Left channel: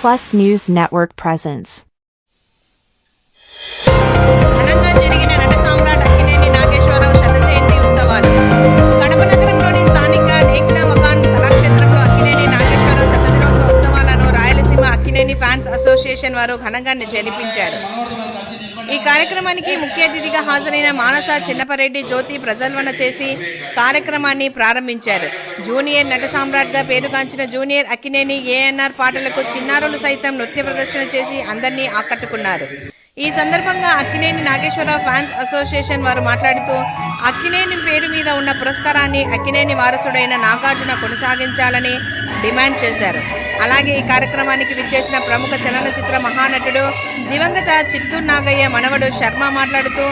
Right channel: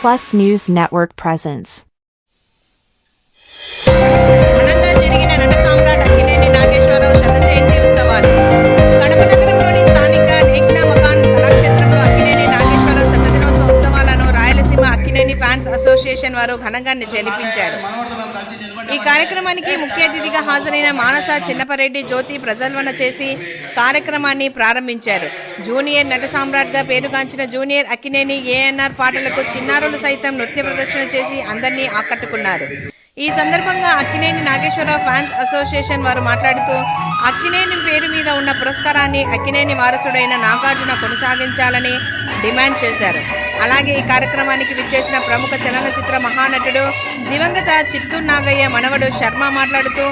Plus News Network presents. ఘనంగా జరిగిన నట సామ్రాట్ అక్కినేని నాగేశ్వరరావు శత జయంతి ఉత్సవాలు. కడప నగరంలోని స్థానిక నేక్నా మకాన్ కళాక్షేత్రంలో అక్కినేని నాగేశ్వరరావు శత దినోత్సవ ఉత్సవాలను రాయలసీమ అక్కినేని ఫ్యాన్స్ అసోసియేషన్ వారు ఘనంగా జరిపించారు. ఈ కార్యక్రమానికి ముఖ్య అతిథిగా హాజరైన మానస చిన్నపరెడ్డి జ్యోతి ప్రజల్వన చేసి కార్యక్రమాన్ని ప్రారంభించారు. జూనియర్ నట సామ్రాట్గా పేరుగాంచిన జూనియర్ అక్కినేని ఏఎన్ఆర్ పాటలకు చిన్నారులు సైతం నృత్య ప్రదర్శన చేసి అందరినీ ఆకట్టుకున్నారు. ఈ సందర్భంగా అక్కినేని నాగేశ్వరరావు ఫ్యాన్స్ అసోసియేషన్ వారు మాట్లాడుతూ అక్కినేని పేరు మీద ఉన్న పురస్కారాన్ని అక్కినేని వారసుడైన నాగార్జున కొనసాగించాలని డిమాండ్ చేశారు. అలాగే ఈ కార్యక్రమానికి విచ్చేసిన ప్రముఖ చలనచిత్ర మహానటుడు దివంగత చిత్తూరు నాగయ్య మనవడు శర్మ మాట్లాడుతూ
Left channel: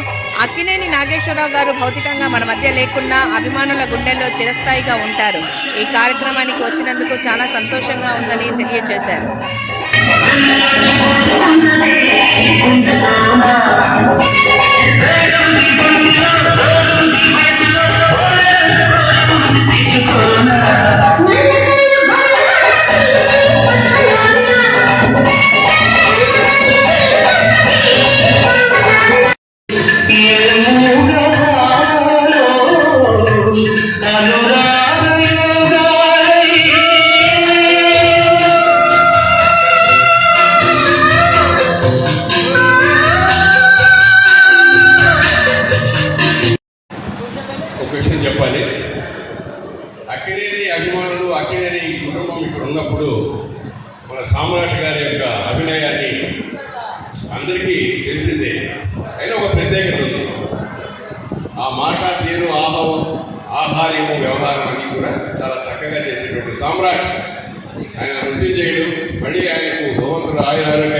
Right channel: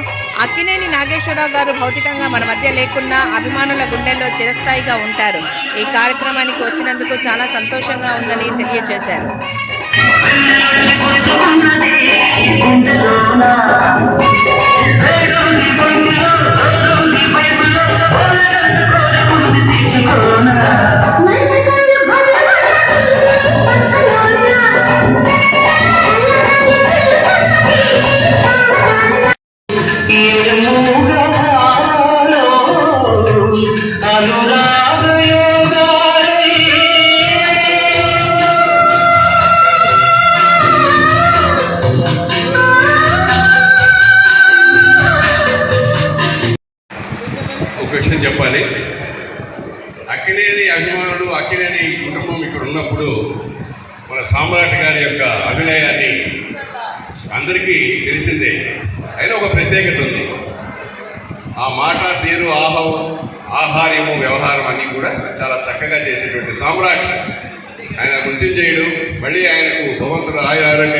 అక్కినేని నాగేశ్వరరావు గారు భౌతికంగా మన మధ్య లేకున్నా అభిమానుల గుండెల్లో చిరస్థాయిగా ఉంటారు. ఈ కార్యక్రమానికి వచ్చినందుకు చాలా సంతోషంగా ఉందని తెలియజేశారు సామ్రాట్ గారి యొక్క అభినయాన్ని అందరికీ తెలిసిందే. అయినా ఒక ప్రత్యేకత ఉంది. ఆ మాట తీరు ఆహం ఆహార్యము వ్యవహారం అన్నీ కూడా చాలా చక్కగా చేసేటువంటి సామ్రాట్. ఆయన నృత్యం చేయడం మళ్ళీ ఆయనకు భగవంతుడు ఆయురారోగ్య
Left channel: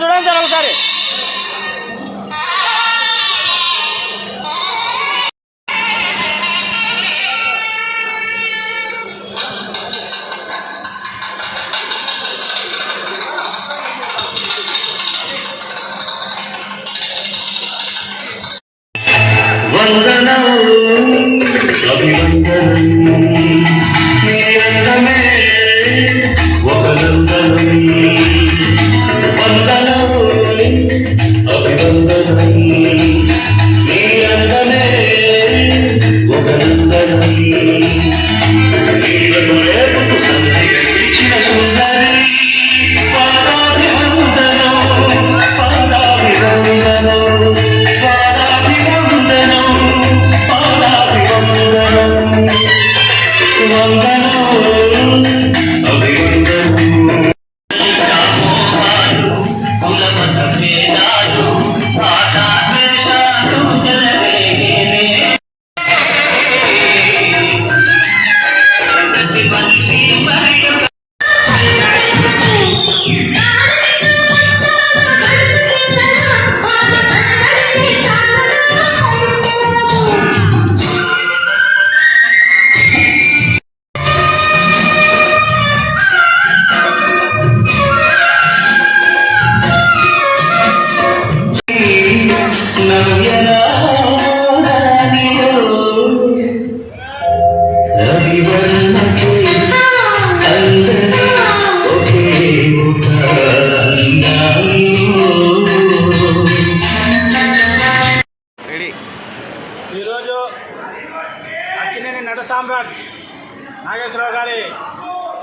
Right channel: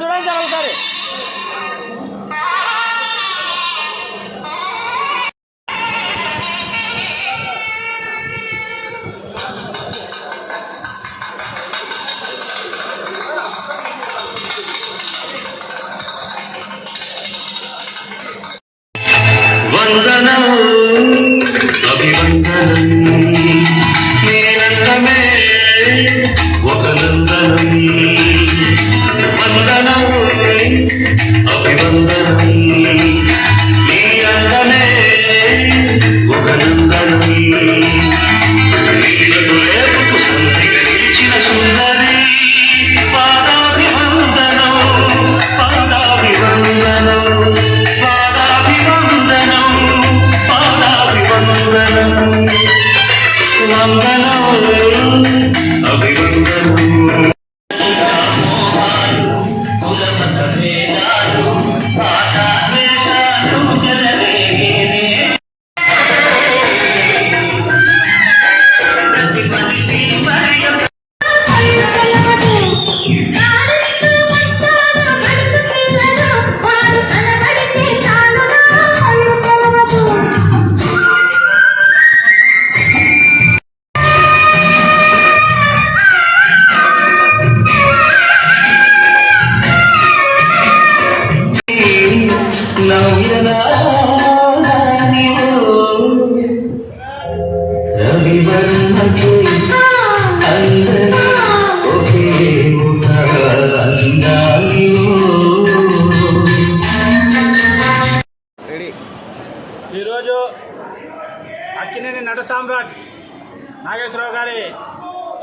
చూడండి సార్ ఒకసారి Amém.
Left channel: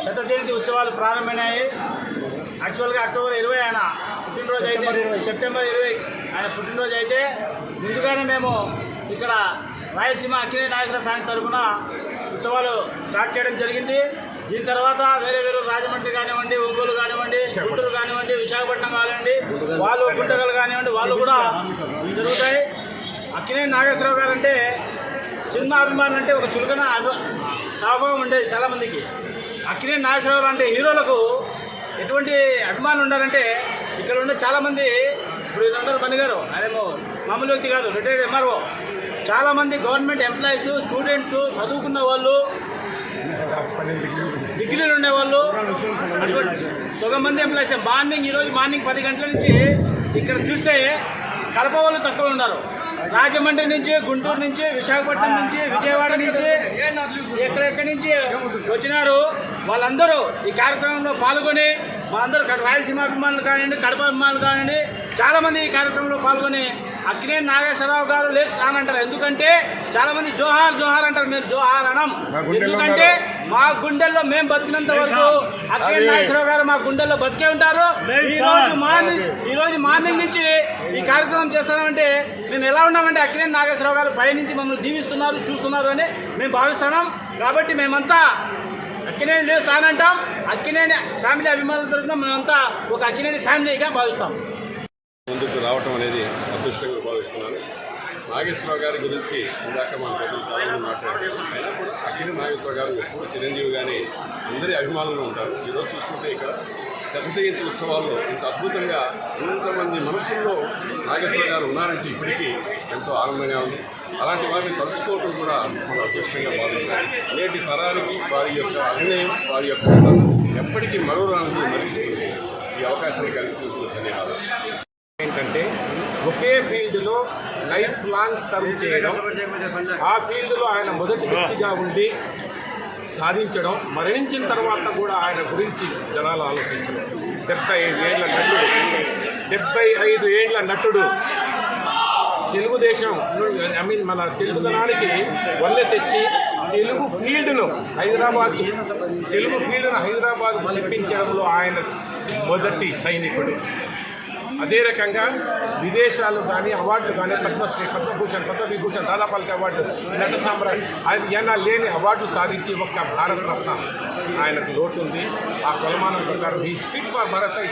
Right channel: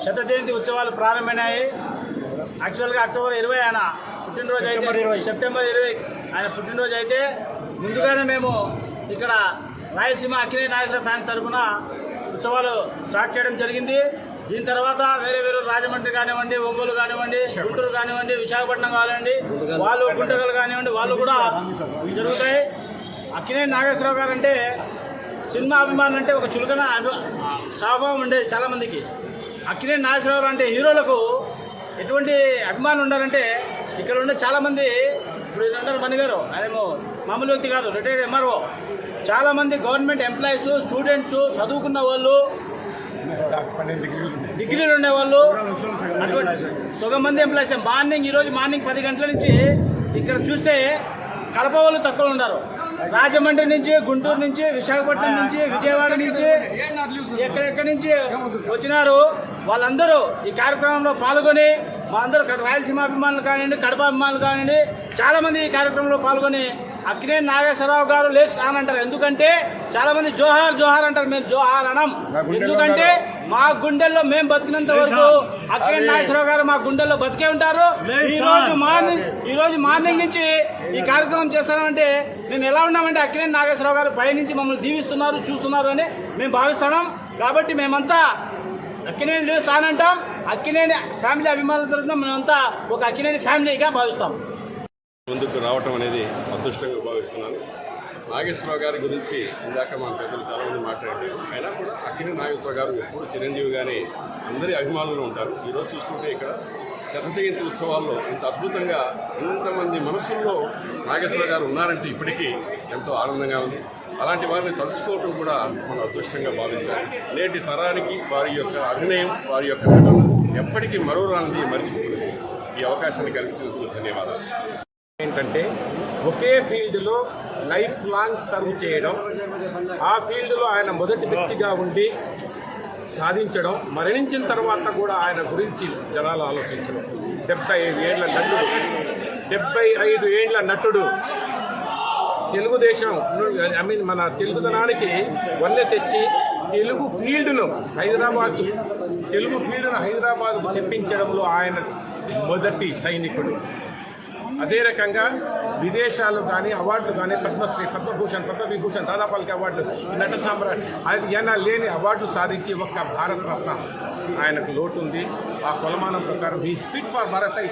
శత జయంతి ఉత్సవాలు ప్రారంభమైనాయి. యాక్చువల్గా అక్టోబర్ ఇరవై ఆయన పుట్టినరోజు అయితే సెప్టెంబర్ ఇరవై. ఆయన పుట్టినరోజు అయితే. ముందుగానే మేము ఇక్కడ రాయలసీమ అక్కినేని నాగేశ్వర ఫ్యాన్స్ తరఫున ఉత్సవాలు స్టార్ట్ చేయడం జరిగింది. దీని తర్వాత వేరే వేరే రాజమండ్రి కానివ్వండి ఒంగోలు కానివ్వండి గుంటూరు కానివ్వండి విశాఖపట్నం కానివ్వండి వాళ్ళు గుంటగల్ కానివ్వండి వాళ్ళు కూడా జరుగుతాయి. అక్కినేని నాగేశ్వరరావు గారు అంటే సినిమా అభిమానం అంటే ఒక చులకన స్వభావం ఉండేది చాలామందికి అక్కినే నాగేశ్వరరావు అంటే హీరోలకు ఎటువంటి అభిమానులు ఉండాలంటే ఇక్కడ ఉండే చాలామంది ఇప్పుడు ఈయన ఉన్నారు బండి గారు అదేమో మామూలు వ్యక్తి కాదు రిటైర్డ్ ఎంఆర్ఓ చాలామంది గవర్నమెంట్ ఎంప్లాయీస్ స్టూడెంట్స్ చదువుకున్న వాళ్ళు డిగ్రీలు ఉండేవాళ్ళు అటువంటి సగం మంది ఎంప్లాయీస్ మార్నింగ్ ఈరోజు మార్నింగ్ పది గంటల నుంచి ఇక్కడ చూస్తే కడప వాళ్ళు తక్కువ ఉన్నారు. రాజమండ్రి నుంచి గుంటూరు నుంచి విశాఖపట్నం నుంచి విజయవాడ నుంచి ఎక్కడెక్కడి నుంచి వచ్చినారు వాళ్ళందరూ ఈ కార్యక్రమంలో పాల్గొని మా అందరూ రాయలసీమ అభిమానులు కానివ్వండి కడప అభిమానులు కానివ్వండి చాలామంది ఈ కార్యక్రమంలో పాల్గొని అక్కినే నాగేశ్వరరావు గారు లేచి అని అంటారు ఎందుకంటే చాలామంది జోహార్ జోహార్ అంటారు. మేము జోహార్ అనం ఎందుకంటే మా గుండెల్లో మేము బతికినంత వరకు అక్కినే నాగేశ్వరరావు గారు మా గుండెల్లో బతికే ఉంటారు. ఈ రోజు మార్నింగ్ ఈ రోజు మార్నింగ్ నుంచి ఈ కార్యక్రమం చేస్తామంటే మేము ఎలా ఉన్నామంటే అక్కినే నాగేశ్వరరావు గారు పై నుంచి మమ్మల్ని దీవిస్తున్నారు చూస్తున్నారు అని మేము భావిస్తున్నాం. కాబట్టి మేమంతా అక్కినేని లేవు సానంటాం అక్కినేని ఫ్యామిలీ అభిమానుల తరఫున మేమంతా ఒక అక్కినేని ఫ్యామిలీగా భావిస్తాం. ముందుకు రావటం అనేది అదృష్టంగా భావిస్తున్నాను. నాగేశ్వరరావు గారి గురించి ఇందాక మన ప్రజలు చాలామంది మాట్లాడారు. అయినా కూడా అక్కినే నాగేశ్వరరావు గారు ఎప్పుడు చిరంజీవిగానే అందరి అభిమానులు ఉంటారు. ఈరోజు చూస్తుంటే ఇక్కడ శతజయంతి ఉత్సవాల్లో ఇంత అద్భుతంగా ఇంతమంది మనసుల్లో నాగేశ్వరరావు గారు ఉన్నారంటే ఇప్పటికీ ఎంతో ఆనందంగా ఉంది. అలాంటి వారిని తలుచుకోవటం కూడా మనం అదృష్టంగా భావించాలి నేటి తరానికి వారి యొక్క అభినయం వారి యొక్క ఎప్పటికీ మరో రానికి మరిచిపోయింది ఈ అవకాశాన్ని కల్పించినందుకు ధన్యవాదాలు. ఏంటంటే ఒకే ఫీల్డ్లో లైఫ్ లాంగ్ సర్వ్ చేయడం ఆ ఫీల్డ్లో ఆయన మొదటి వ్యక్తిగా ఉండి సాధించడం మరణించిన తర్వాత కూడా ఆయన గురించి జనాలు ఆలోచించడం. డెబ్బై ఐదు ఏళ్ళ నటుడు డెబ్బై ఐదు ఏళ్ళ నటుడు తెలుగుదేశం ఐ మీన్ మన తెలుగుదనానికి వల్లె తెచ్చి తెలుగు ఫీల్డ్ను హైదరాబాద్ తెలుగు ఫీల్డ్ను హైదరాబాద్ తెప్పించడంలో ఆయన మొదటి సైనికుడు. అదే రకంగా విదేశాలు కానీ అవార్డులు కానీ పద్మశ్రీ పద్మభూషణ్ పద్మవిభూషణ్ దాదాపాలకి అవార్డు నట సామ్రాట్ అది ఏనా లేని అవార్డు సాధించి ఒక్క భారత రత్న ఆయనకు లోటు ఉంది ఆ కొలమానం ప్రకారం ఈ స్పిట్ ఫర్ భారత్